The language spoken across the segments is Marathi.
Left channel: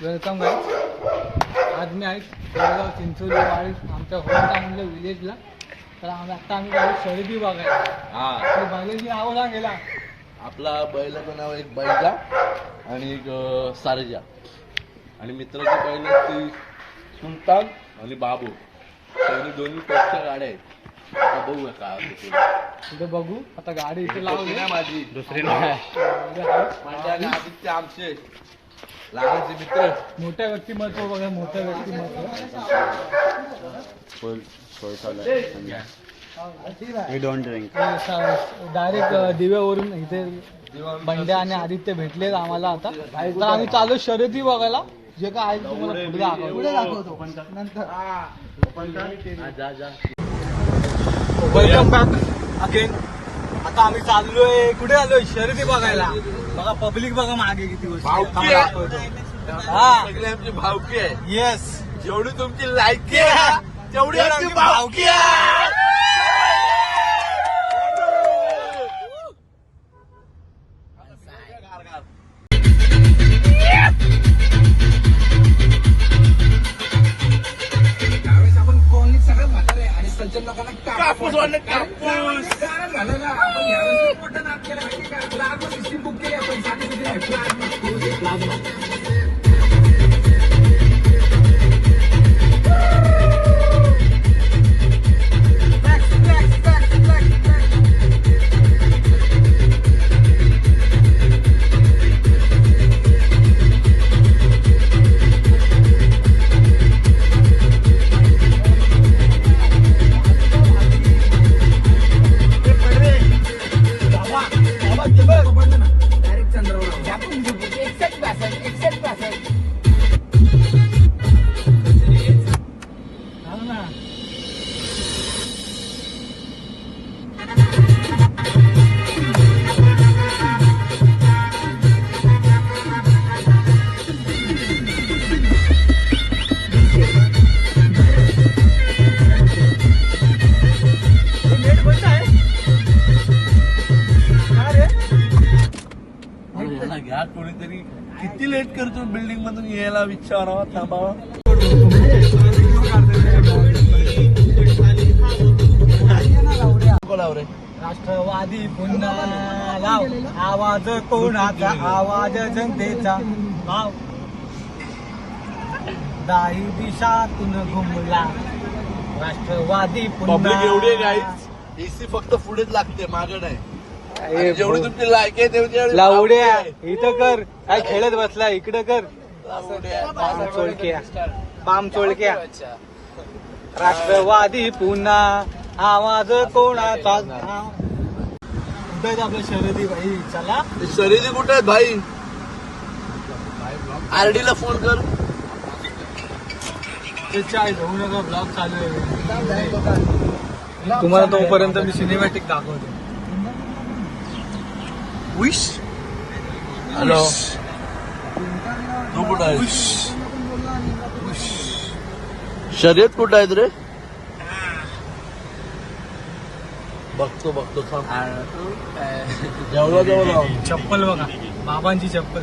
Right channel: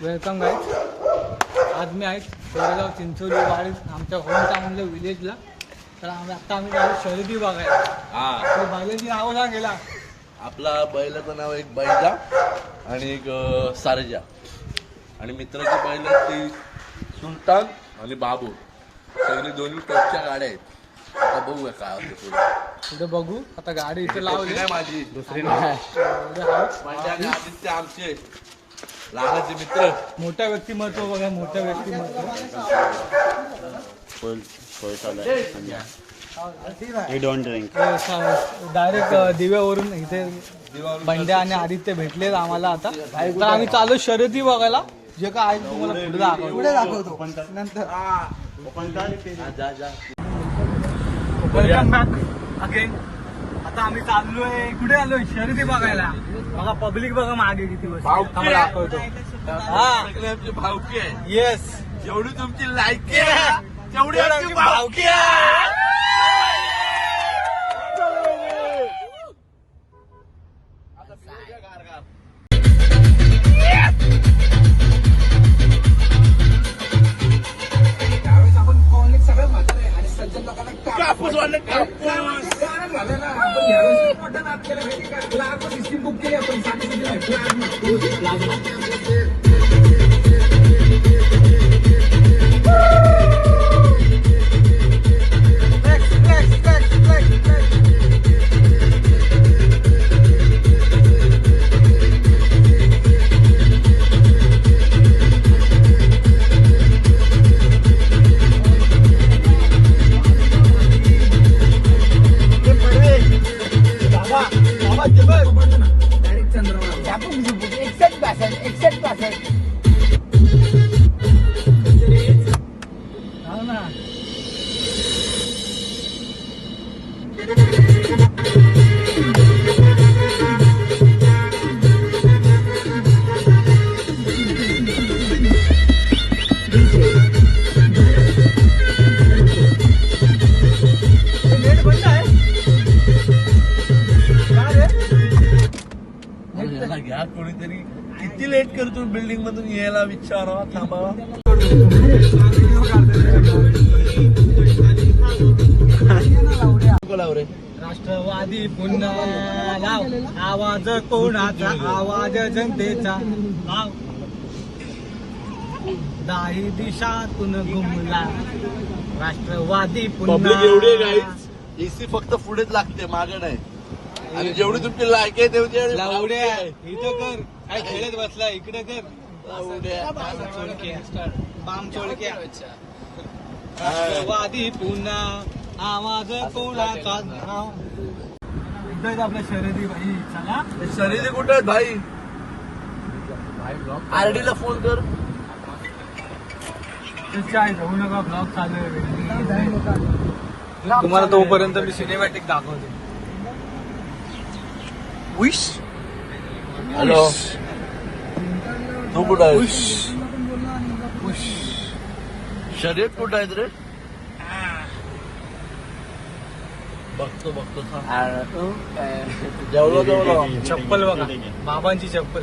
Welcome guys. आज मी आहे कोरेगाव चिंचोली वाडी आमच्या होमटाऊनच्या विलेजला. तर आता आम्ही जाऊ शर्यती बघायला. बैलाची नाव सांगेला. आपला बैलाचं नाव एक बैजा आणि एक सारजा आणि मित्राची बैल ती सुलतान आणि बाबू. सगळी दोन्ही टॉपच्या गाड्या आहेत. आता बघूया काय पुढे बघू. आता गाडी इथे लावली माझी दुसरी आदित्य आमचे लहानाचे मित्र. मोठ्या व्यक्तिमत्व बघा. मोठ्या व्यक्तिमत्व डायरेक्ट दिव्यावरून इथे बंड्या आणि आदित्य भेटले आम्हाला. आता तर आम्ही चालू शर्यती बघायला. जे काय आहे तुम्हाला पुढे दाखवतो नंतर. Welcome back again. आता आम्ही चाललोय कुठे आलोय शर्यती बघायला. बघा पब्लिक बघा मागे किती वस्तू मला दाखवतो. सगळ्यांची भावकी आहे. येस. जेवढी तुमची लायकी आहे तेवढी आमची भावकी आहे. कापूस वाटत कापूस. कोणीतरी किती लेट करतो बिल्डिंग मधून यायला विचारा. थांबा. राष्ट्रवादी पुन्हा आवाज कोणाचा. आवाज जनतेचा. दाही दिशातून घुमला राष्ट्रवादी पुन्हा. एवढे गाईज एसी फक्त पुढेच लागते मागे नाही. जेवढी तुमची लायकी आहे तेवढी लावड्या इथं कर. काय खेळत बसला इकडे कर. बाम चोळक्या. राष्ट्रवादी पुन्हा आवाज कोणाचा. आपल्या शर्यती भाई. चला शर्यती कुठे आहेत भाई. आरडी ला फोन कर. चाय घेऊ नका. ब्लॉग चालू आहे. तुम्हाला तोपर्यंत मी सिनेमॅटिक दाखवतो. हॅलो तू कुठं आहे. शर्यत कुठं आहेत रे. बघतो जेवला चप्पल बघा. बाबांची चप्पल.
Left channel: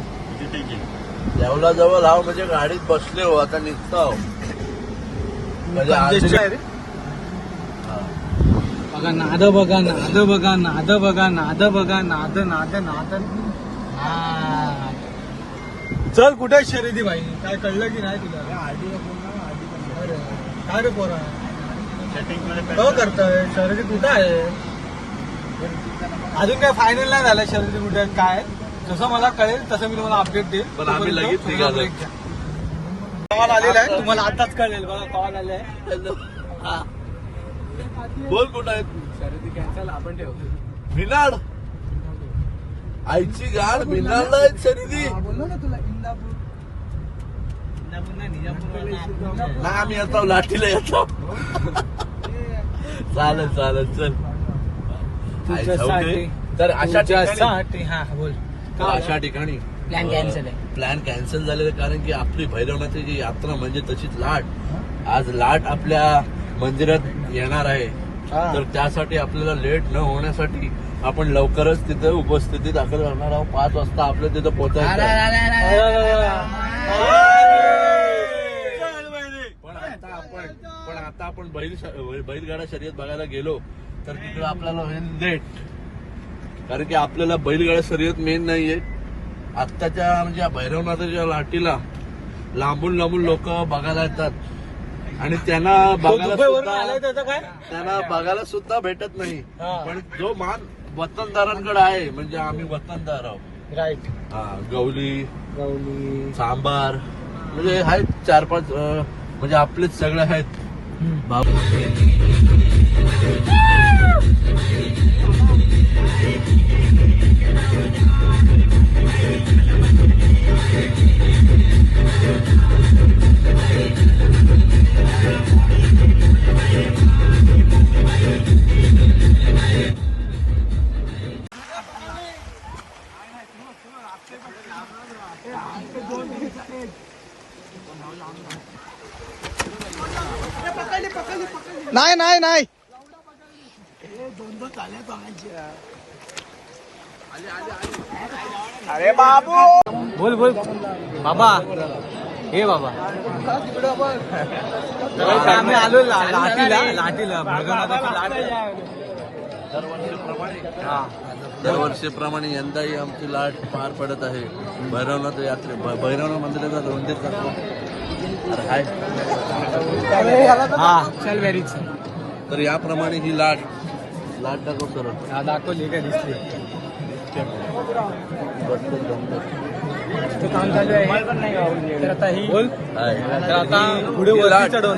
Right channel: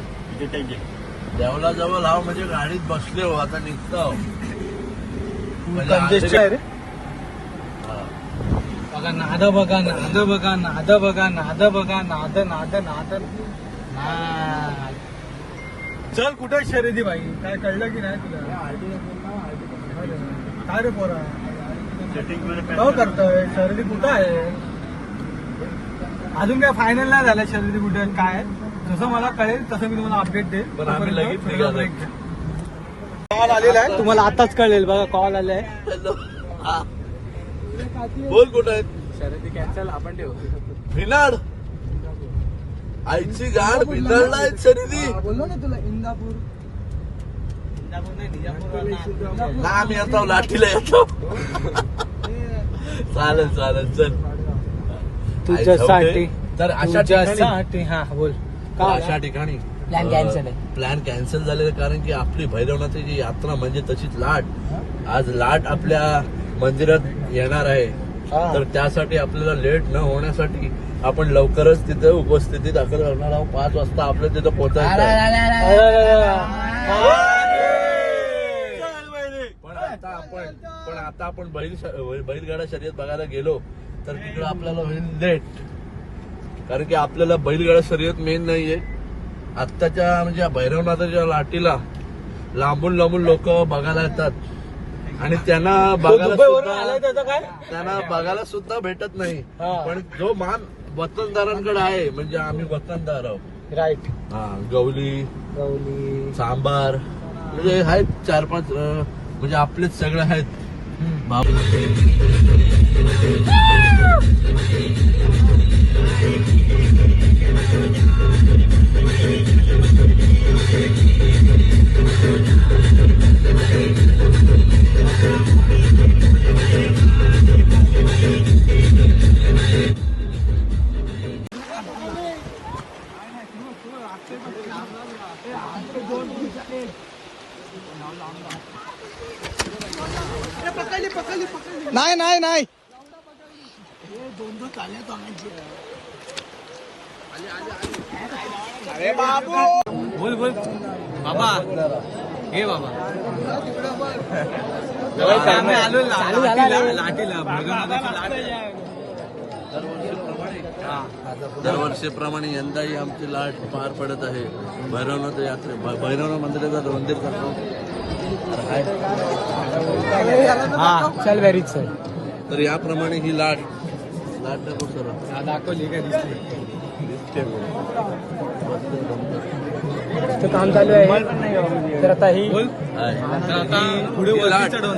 जेवला जवळ हा म्हणजे गाडीत बसले हो. आता निघतो. नाद बघा. नाद बघा. नाद बघा. नाद बघा. नाद नाद नाद. चल कुठे शर्यती भाई. काय कळलं की नाही तुला. काय रे पोरा हो करतोय. शर्यती कुठं आहे. अजून काय फायनल नाही झालं शर्यती कुठे आहेत काय. जसं मला कळेल तसं मी तुम्हाला अपडेट देईल. कॉल आलेला आहे तुम्हाला आताच कळेल. बघा कॉल आले आहे. बोल कुठं आहेत. शर्यती कॅन्सल आपण ठेवू. भिनाड आईची गाड. भिनाडला आहेत शर्यती. बोललो ना तुला. इंदापूर ना आम्ही येतो लाठीला येतो. चालेल चल. तुझ्यासाठी. तर तुझ्यासाठी. हा बोल. अशा ठिकाणी प्लॅन कॅन्सल झाले कारण की आपली भैरवनाथाची यात्रा म्हणजे तशीच लाट. आज लाट आपल्या मंदिरात येणार आहे. तर त्यासाठी आपल्याला लेट न होण्यासाठी आपण लवकरच तिथे उपस्थिती दाखल करणार आहोत. 5 वाजता आपलं तिथं पोहोचायचं. पण आता आपण बैलगाडा शर्यत बघायला गेलो तर तिकडे आपल्याला होईल लेट. कारण की आपल्याला बैलगाडा शर्यत मेन नाहीये. आत्ताच्या म्हणजे भैरवनाथाच्या लाटीला लांबून लांबून लोक बघायला येतात आणि त्यांना बघायला सुद्धा भेटत नाही. पण जो मान वतनदारांकडे आहे म्हणजे आम्ही वतनदार आहोत. राईट. हा, गवली सांबार म्हणजे आहेत 4-5 म्हणजे आपलेच सगळे आहेत. नाही अरे बाबू बोल बाबा. हे बाबा आम्ही आलो लाटीला दरवर्षीप्रमाणे यंदाही आमची लाट पार पडत आहे. भैरवनाथ भैरवनाथ मंदिराचा मंदिर करतो. तर याप्रमाणे ही लाट दाखव सर. दाखवली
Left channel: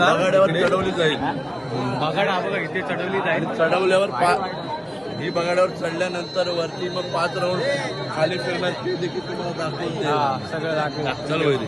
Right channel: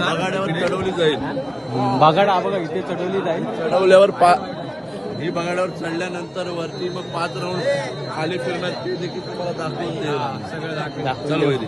बगाड्यावर चढवली जाईल. बघा इथे चढवली जाईल. चढवल्यावर ही बगाड्यावर चढल्यानंतर वरती मग 5 राऊंड खाली फिरणार ते देखील तुम्हाला दाखवून करा. देईल.